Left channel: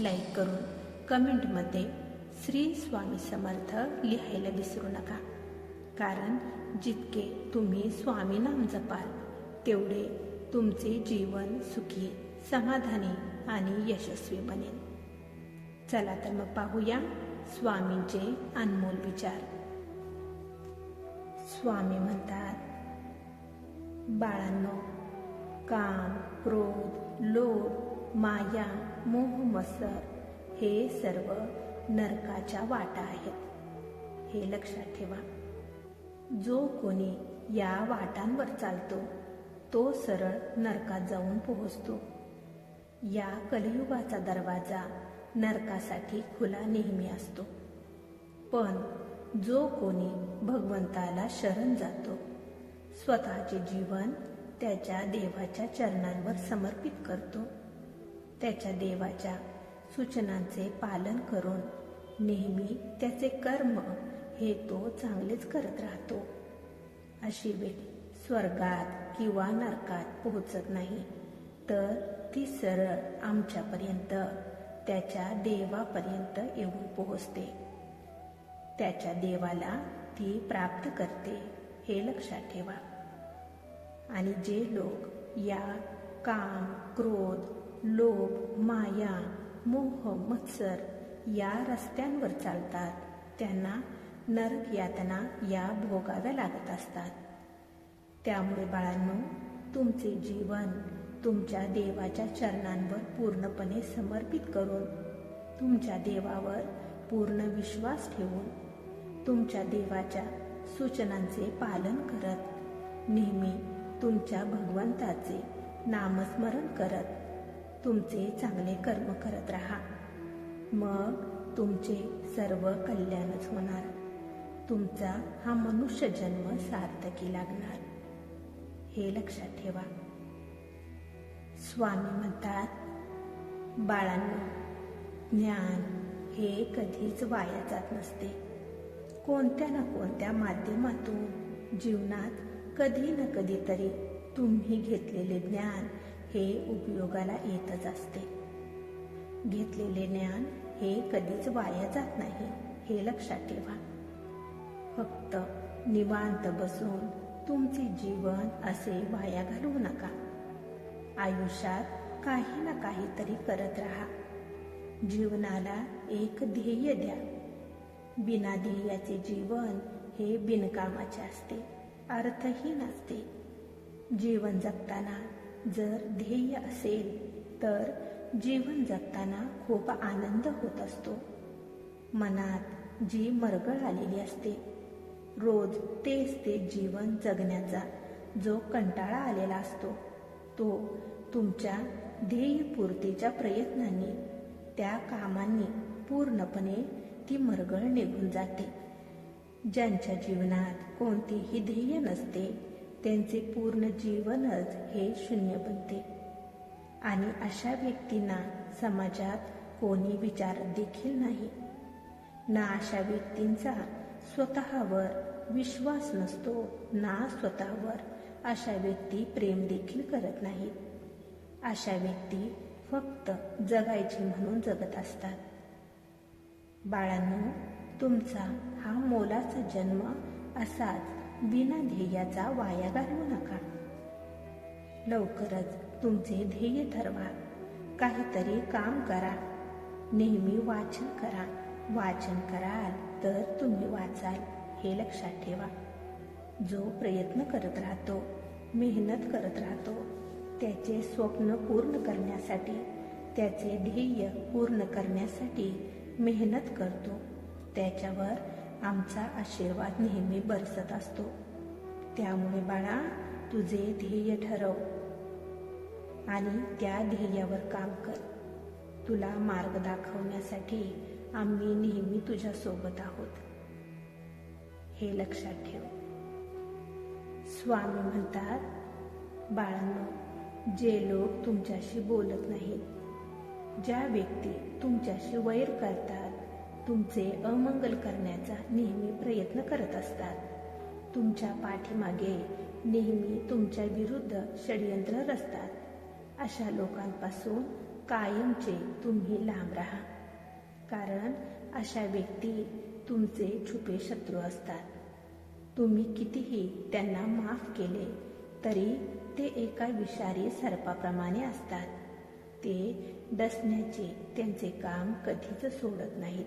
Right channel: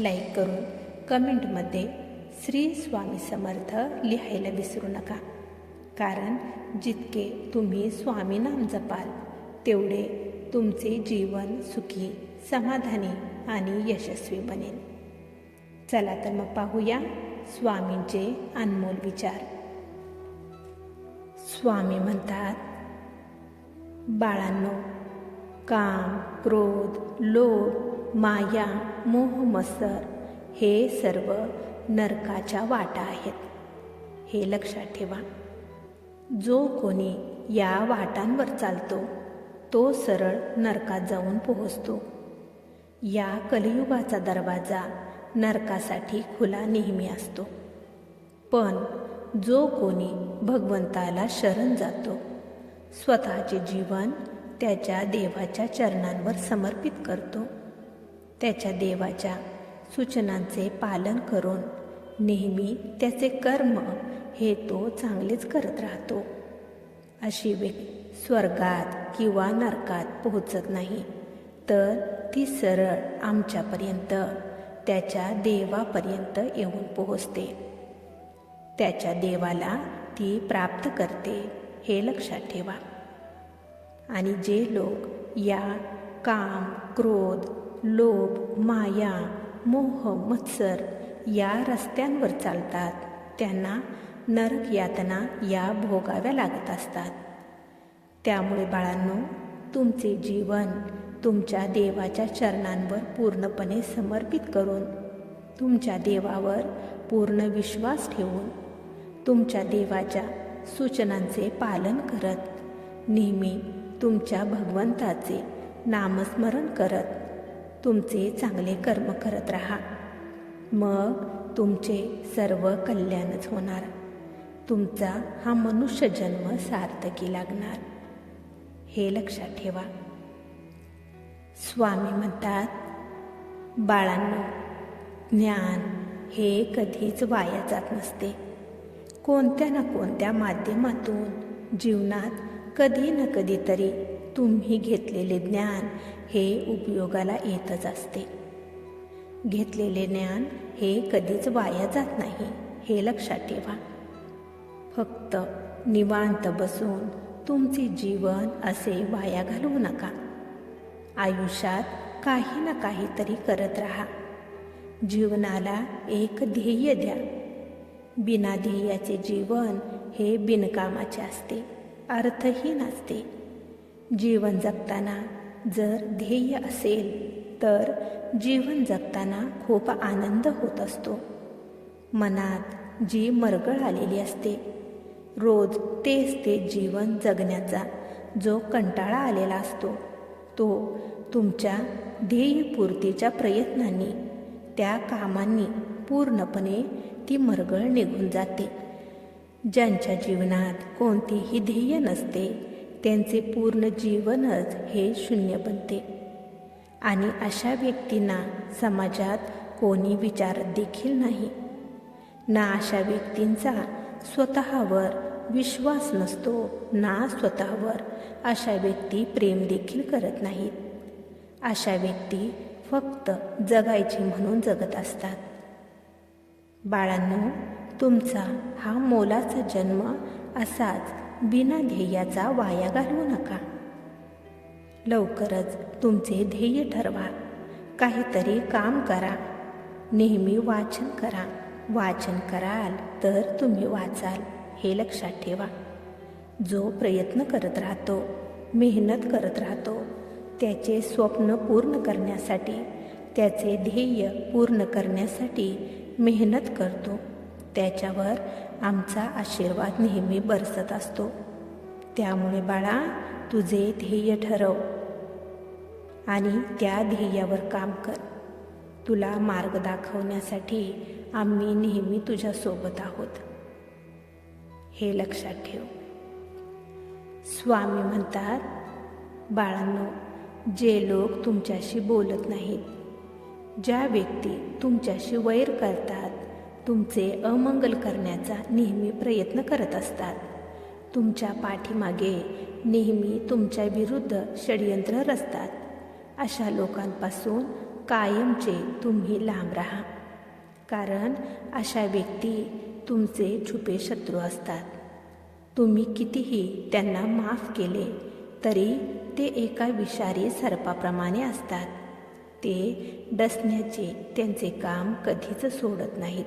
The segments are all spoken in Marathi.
लाईक करून कमेंटमध्ये श्री स्वामी समर्थ लिहायला विसरू नका. कारण जितके तुम्ही स्वामी नाम जपाल तेवढे तुमचे जीवन सुखी समाधानी आणि यशस्वी बनेल. चला तर मग पाहूया स्वामींचे अनमोल विचार. स्वामी म्हणतात बाळांनो काम क्रोध लोभ माया मोह मसर हे सर्व नरकाच्या वाटा आहेत. हे लक्षात ठेवा. जो कोणी या वाटांवर चालतो तो सरळ नरकात जाऊन पोहोचतो. या कलियुगाचा दरवाजा नरकासाठी खुला नेहमी असतो. पण जो कोणी भगवंताला शरण जातो स्वतःचे जीवन त्याच्या देवाच्या चरणांवर समर्पित करतो. त्याच्या देवाच्या सूचनांचे पालन करून नेहमी त्याचे कर्म हे तो चांगलेच करत राहतो. अशी व्यक्ती स्वर्गात किंवा नरकात पोहोचत नाही तर ती सरळ आमच्यापर्यंत त्याच्या देवापर्यंत येऊन पोहोचते. त्याच्या देवाला ती प्राप्त करते हे लक्षात ठेवा. आणि जे लोक या काम क्रोध लोभ माया मोह मत्सर या रस्त्यांवर चालतात. त्यांना नरक यातना या भोगाव्या लागत असतात. त्यामुळे बाळांनो तुमचे जीवन तुमच्या देवाच्या चरणांवर पूर्णपणे समर्पित करून तुमच्या देवावर पूर्ण विश्वास ठेवून तुमच्या देवाच्या सूचनांचे पालन करत नेहमी तुमच्या भगवंताचे नामस्मरण करत तुमचे चांगले कर्म करत राहा. मग तुमचे सर्व कल्याणच होणार. तुमचा हा मनुष्य जन्म सार्थकी लागणार. हे लक्षात ठेवा. स्वामी म्हणतात बाळांनो ज्ञान हे कधीच वाया जात नसते. कोणत्या ना कोणत्या माध्यमातून जीवनात कधी ना कधीतरी तुम्ही घेतलेले ज्ञान हे उपयोगाला येतच असते. घेतलेले ज्ञान हे कधीच वाया जात नाही हे लक्षात ठेवा. फक्त निवांत बसून तुमचे जीवन असे वाया घालवू नका. आयुष्यात काही ना काहीतरी करत राहा. जीवनाला एक ध्येय द्या. बिना ध्येयाचे जीवन हे बिनकामाचे असते अर्थहीन असते. जीवन जगताना जर ध्येय असेल तर जीवन जगताना खूप आनंद होत असतो. मनात जी मरगळ आलेली असते रोज तेच ते जीवन जगण्याचा जो कंटाळा आलेला असतो तो तुमच्या ध्येयपूर्तीच्या प्रयत्नांनी त्या कामांनी पूर्णपणे ती मरगळ निघून जाते. ज्यांच्या जीवनात कोणतेही ध्येय नसते त्यांचे पूर्ण जीवनच हे शून्य बनते. आणि अशा व्यक्तींना समाजात कोणी विचारत देखील नाही. ना अशा व्यक्तींचा स्वतःवर विश्वास नसतो ना स्वतःवर अशा व्यक्ती प्रेम देखील करत नाहीत. अशा व्यक्ती फक्त जगायची म्हणून जगत असतात. बाळांनो तुमचा हा मोलाचा जन्म असाच बिना ध्येयाचा वाया घालवू नका. लवकरच तुमचे ध्येय ठरवा. काहीतरी काम करा. नेहमी वाचन करा. वाचन कराल तर तुम्ही वाचाल हे लक्षात ठेवा. जो प्रयत्न करत राहतो मेहनत करत राहतो त्याचे स्वप्न पूर्ण करण्यासाठी त्याचे ध्येय पूर्ण करण्यासाठी मेहनत करतो. त्याच्यावर आमचा आशीर्वाद नेहमी बरसत असतो. त्यामुळे बाळा तुझे ध्येय ठरव आणि त्या ध्येयावर काम कर. तुला मार्ग दाखवण्यासाठी आम्ही नेहमी तुझ्यासोबत आहोत. हे लक्षात ठेव. स्वामी म्हणतात बाळांनो जे लोक तुमच्याशी बोलत नाहीत ज्या व्यक्ती तुमच्याशी वैर करतात तुमचे अमंगल करण्याचा नेहमी प्रयत्न करत असतात. तुमच्या पाठीमागे नेहमी तुमच्या विरुद्ध षडयंत्र रचतात. अशा लोकांपासून कायमचे तुम्ही लांब राहा. कारण अशा व्यक्ती तुमचे छुपे शत्रू असतात. तुम्ही कितीही त्यांना माफ केले तरी ते एका विषारी सर्पाप्रमाणे असतात. ते डसण्याचे त्यांचे काम कधीच सोडत नाहीत.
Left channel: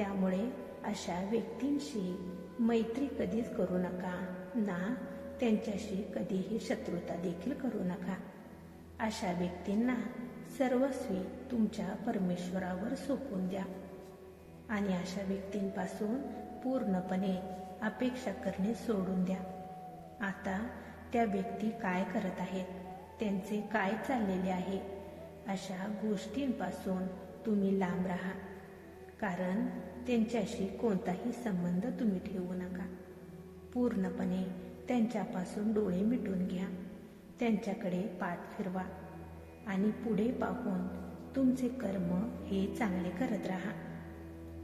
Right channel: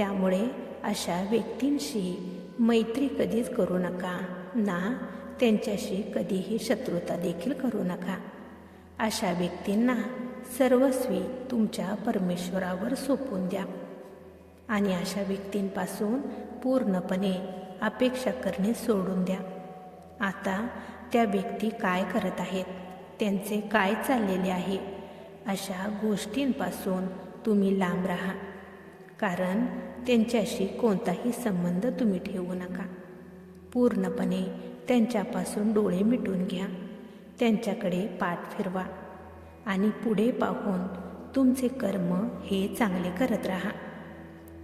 त्यामुळे अशा व्यक्तींशी मैत्री कधीच करू नका. ना त्यांच्याशी कधीही शत्रुता देखील करू नका. अशा व्यक्तींना सर्वस्वी तुमच्या परमेश्वरावर सोपून द्या. आणि अशा व्यक्तींपासून पूर्णपणे अपेक्षा करणे सोडून द्या. आता त्या व्यक्ती काय करत आहेत? त्यांचे काय चाललेले आहे? अशा गोष्टींपासून तुम्ही लांब राहा. कारण त्यांच्याशी कोणताही संबंध तुम्ही ठेवू नका. पूर्णपणे त्यांच्यापासून डोळे मिटून घ्या. त्यांच्याकडे पाठ फिरवा. आणि पुढे पाहून तुमचे कर्म हे चांगले करत राहा.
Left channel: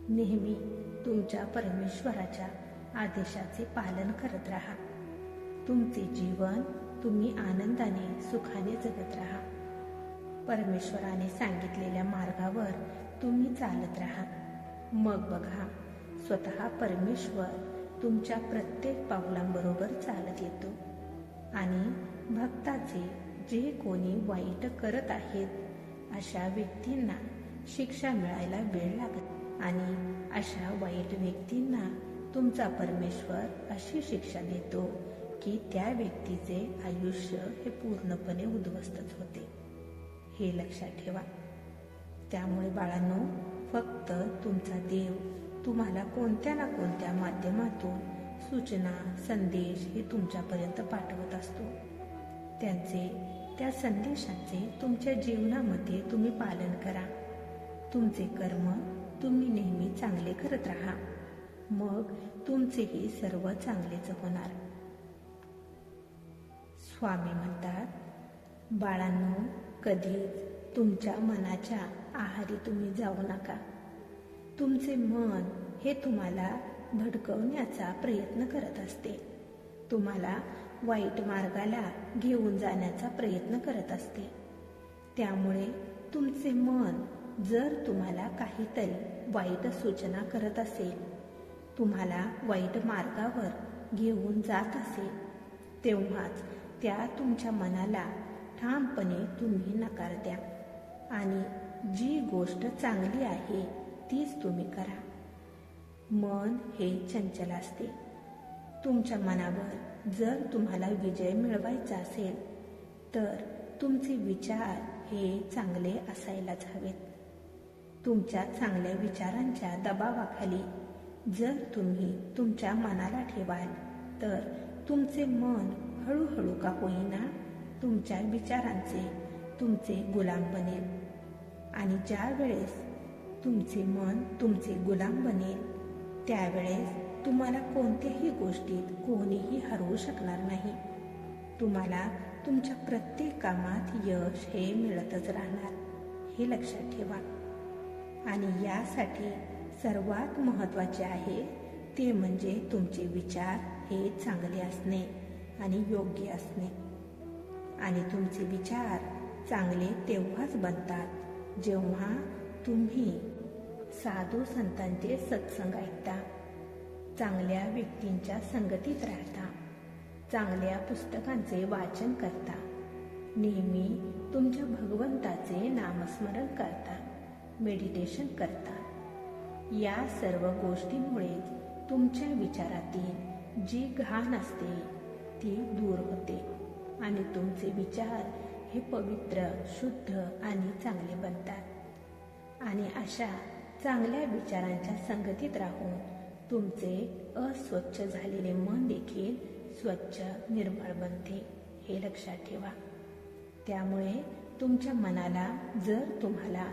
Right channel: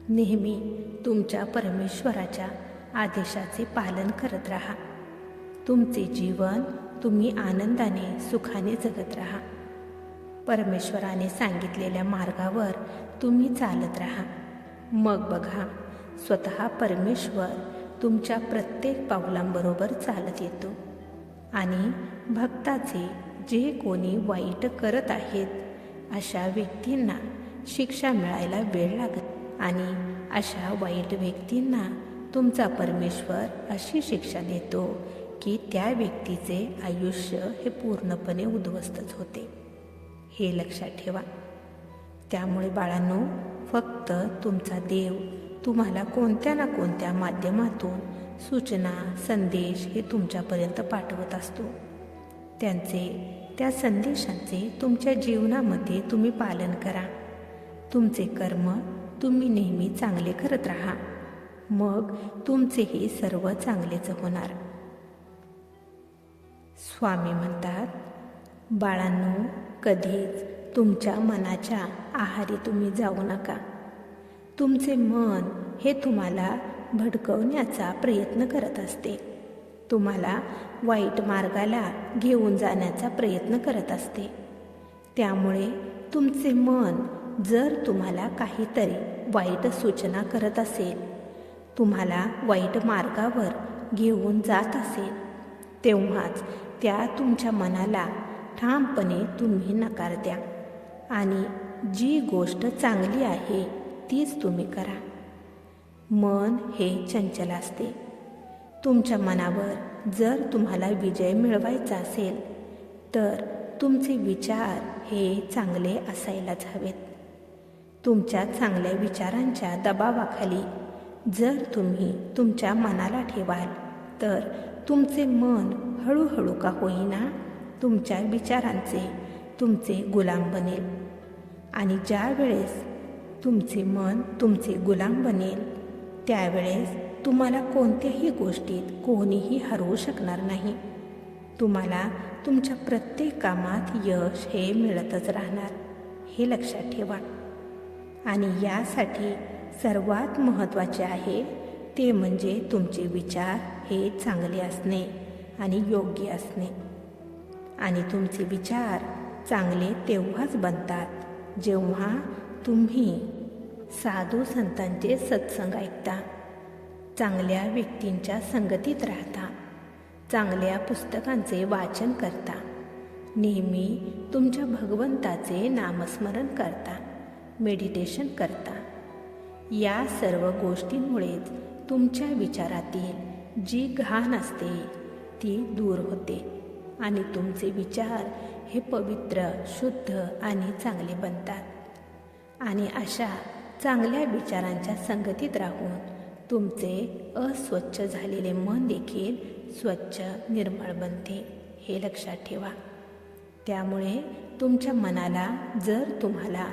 नेहमी तुमच्या परमेश्वराच्या आदेशाचे पालन करत राहा. तुमचे जीवन तुम्ही आनंदाने सुखाने जगत राहा. परमेश्वराने सांगितलेल्या मार्गावर तुम्ही चालत राहा. मग बघा स्वतः परमेश्वर तुमच्या प्रत्येक पावलांबरोबर चालत येतो. आणि भक्ताचे जे कोणी वाईट करत आहेत अशा व्यक्तींना शिक्षा मिळायला वेळ लागत. आणि अशा वाईट व्यक्तींना तुमचा परमेश्वर अशी शिक्षा देतो की त्या व्यक्तीचे आयुष्य हे पूर्णपणे उद्ध्वस्तच होते. हे लक्षात ठेवा. त्यामुळे बाळांनो फक्त तुमचा देव तुम्हाला कोणत्या ना कोणत्या माध्यमातून सूचना संदेश हे तुमच्यापर्यंत पाठवत असतो. त्यांचे त्या संदेशांचे तुमच्या जीवनामध्ये तुम्ही पालन करा. तुमचे कर्म तुम्ही नेहमी चांगले करत राहा. मग तुमचेही सर्व चांगलेच होणार. स्वामी म्हणतात बाळांनो कधीच तुमच्या मनाच्या आहारी तुम्ही जाऊ नका. तुमचे मन हे तुम्हाला भडकवण्याचा प्रयत्न करत असते. तुम्हाला वाईट मार्गाला घेऊन जाण्याचा प्रयत्न करत असते. त्यामुळे तुमचे मन जर तुम्हाला काहीतरी वाईट सूचना करत असेल तुम्हाला वाईट मार्गावर घेऊन जात असेल तेव्हाच त्या तुमच्या मनाला ठामपणे तुम्ही नकार द्या. आणि जी गोष्ट चांगली आहे तीच तुम्ही करा. मन हे चंचल असते. तुमच्या मनावर जर तुम्हाला विजय मिळवायचा असेल तर तुमचे विचार हे चांगले असायलाच हवेत. तुमच्या चांगल्या विचारांच्या दबावाखाली जर तुम्ही तुमच्या मनाला ठेवाल तर तुमचे मन हळूहळू का होईना तुमच्या विचारांचे तुमचे गुलाम बनेल. आणि ज्या वेळेस तुमचे मन तुमचे गुलाम बनेल त्यावेळेस तुम्हाला कोणत्याही गोष्टीत कोणीही हरवू शकणार नाही. तुम्हाला तुमच्या प्रत्येक कामात यश हे मिळतच राहणार हे लक्षात ठेवा. आणि यासाठी सर्वात महत्त्वाचे आहे ते म्हणजे तुमचे विचार हे चांगले असणे आणि योग्य असणे. आणि तुमचे विचार चांगले तेव्हाच बनतात जेव्हा तुम्ही साधू संतांचे सत्संग ऐकता चांगल्या व्यक्तींच्या संगतीत राहता चांगल्या पुस्तकांचे वाचन करता नेहमी तुमच्या भगवंताचे नामस्मरण करता मेडिटेशन करता या सर्व गोष्टींमुळेच तुमच्या विचारातील जी घाण असते ती दूर होते आणि तुमचे विचार हे पवित्र शुद्ध आणि चांगले बनतात. आणि अशा चांगल्या विचारांच्या संगतीत राहून तुमचे अस्वच्छ झालेले मन देखील स्वच्छ निर्मळ बनते हे लक्षात ठेवा. त्यामुळे तुमच्या मनाला जर तुम्हाला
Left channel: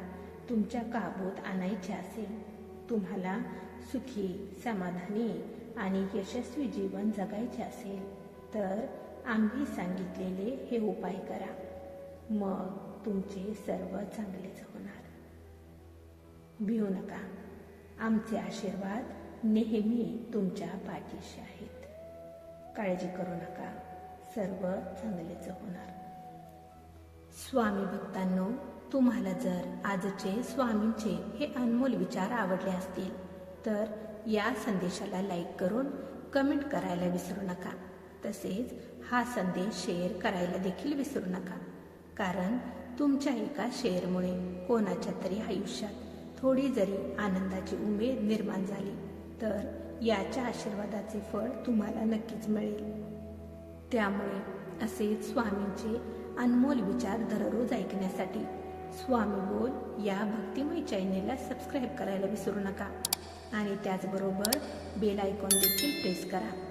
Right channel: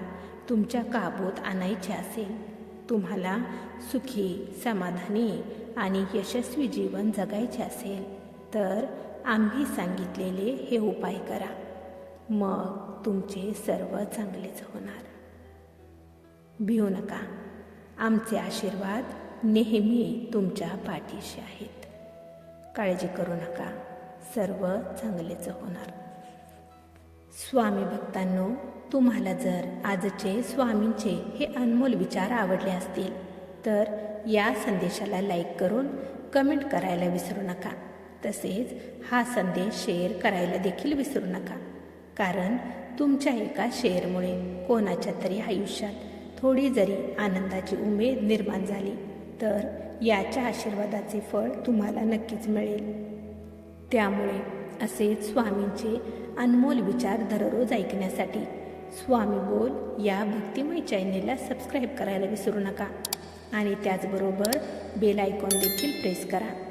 तुमच्या काबूत आणायचे असेल तुम्हाला सुखी समाधानी आणि यशस्वी जीवन जगायचे असेल तर आम्ही सांगितलेले हे उपाय करा. मग तुमचे सर्व चांगलेच होणार. भिऊ नका. आमचे आशीर्वाद नेहमी तुमच्या पाठीशी आहेत. काळजी करू नका. सर्व चांगलेच होणार. स्वामी भक्तांनो तुम्हाला जर आजचे स्वामींचे हे अनमोल विचार आवडले असतील तर या संदेशाला लाईक करून कमेंट करायला विसरू नका. तसेच हा संदेश शेअर करायला देखील विसरू नका. कारण तुमच्या एका शेअरमुळे कोणाच्या तरी आयुष्यात थोडी जरी आनंदाची उमेद निर्माण झाली तर याच्या आशीर्वादाचे फळ तुम्हाला नक्कीच मिळेल. त्यामुळे असेच स्वामींचे अनमोल विचार दररोज ऐकण्यासाठी स्वामी बोल या भक्तिमय चॅनेलला सबस्क्राईब करायला विसरू नका. आणि त्याचबरोबर बेल आयकॉन देखील प्रेस करा.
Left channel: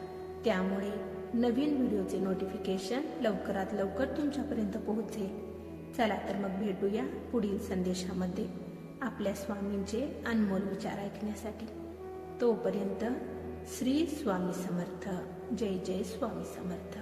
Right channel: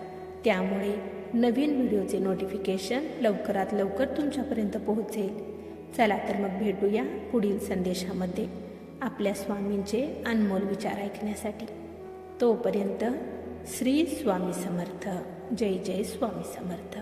त्यामुळे नवीन व्हिडिओचे नोटिफिकेशन लवकरात लवकर तुमच्यापर्यंत पोहोचेल. चला तर मग भेटूया पुढील संदेशामध्ये. आपल्या स्वामींचे अनमोल विचार ऐकण्यासाठी. तोपर्यंत श्री स्वामी समर्थ. जय जय स्वामी समर्थ.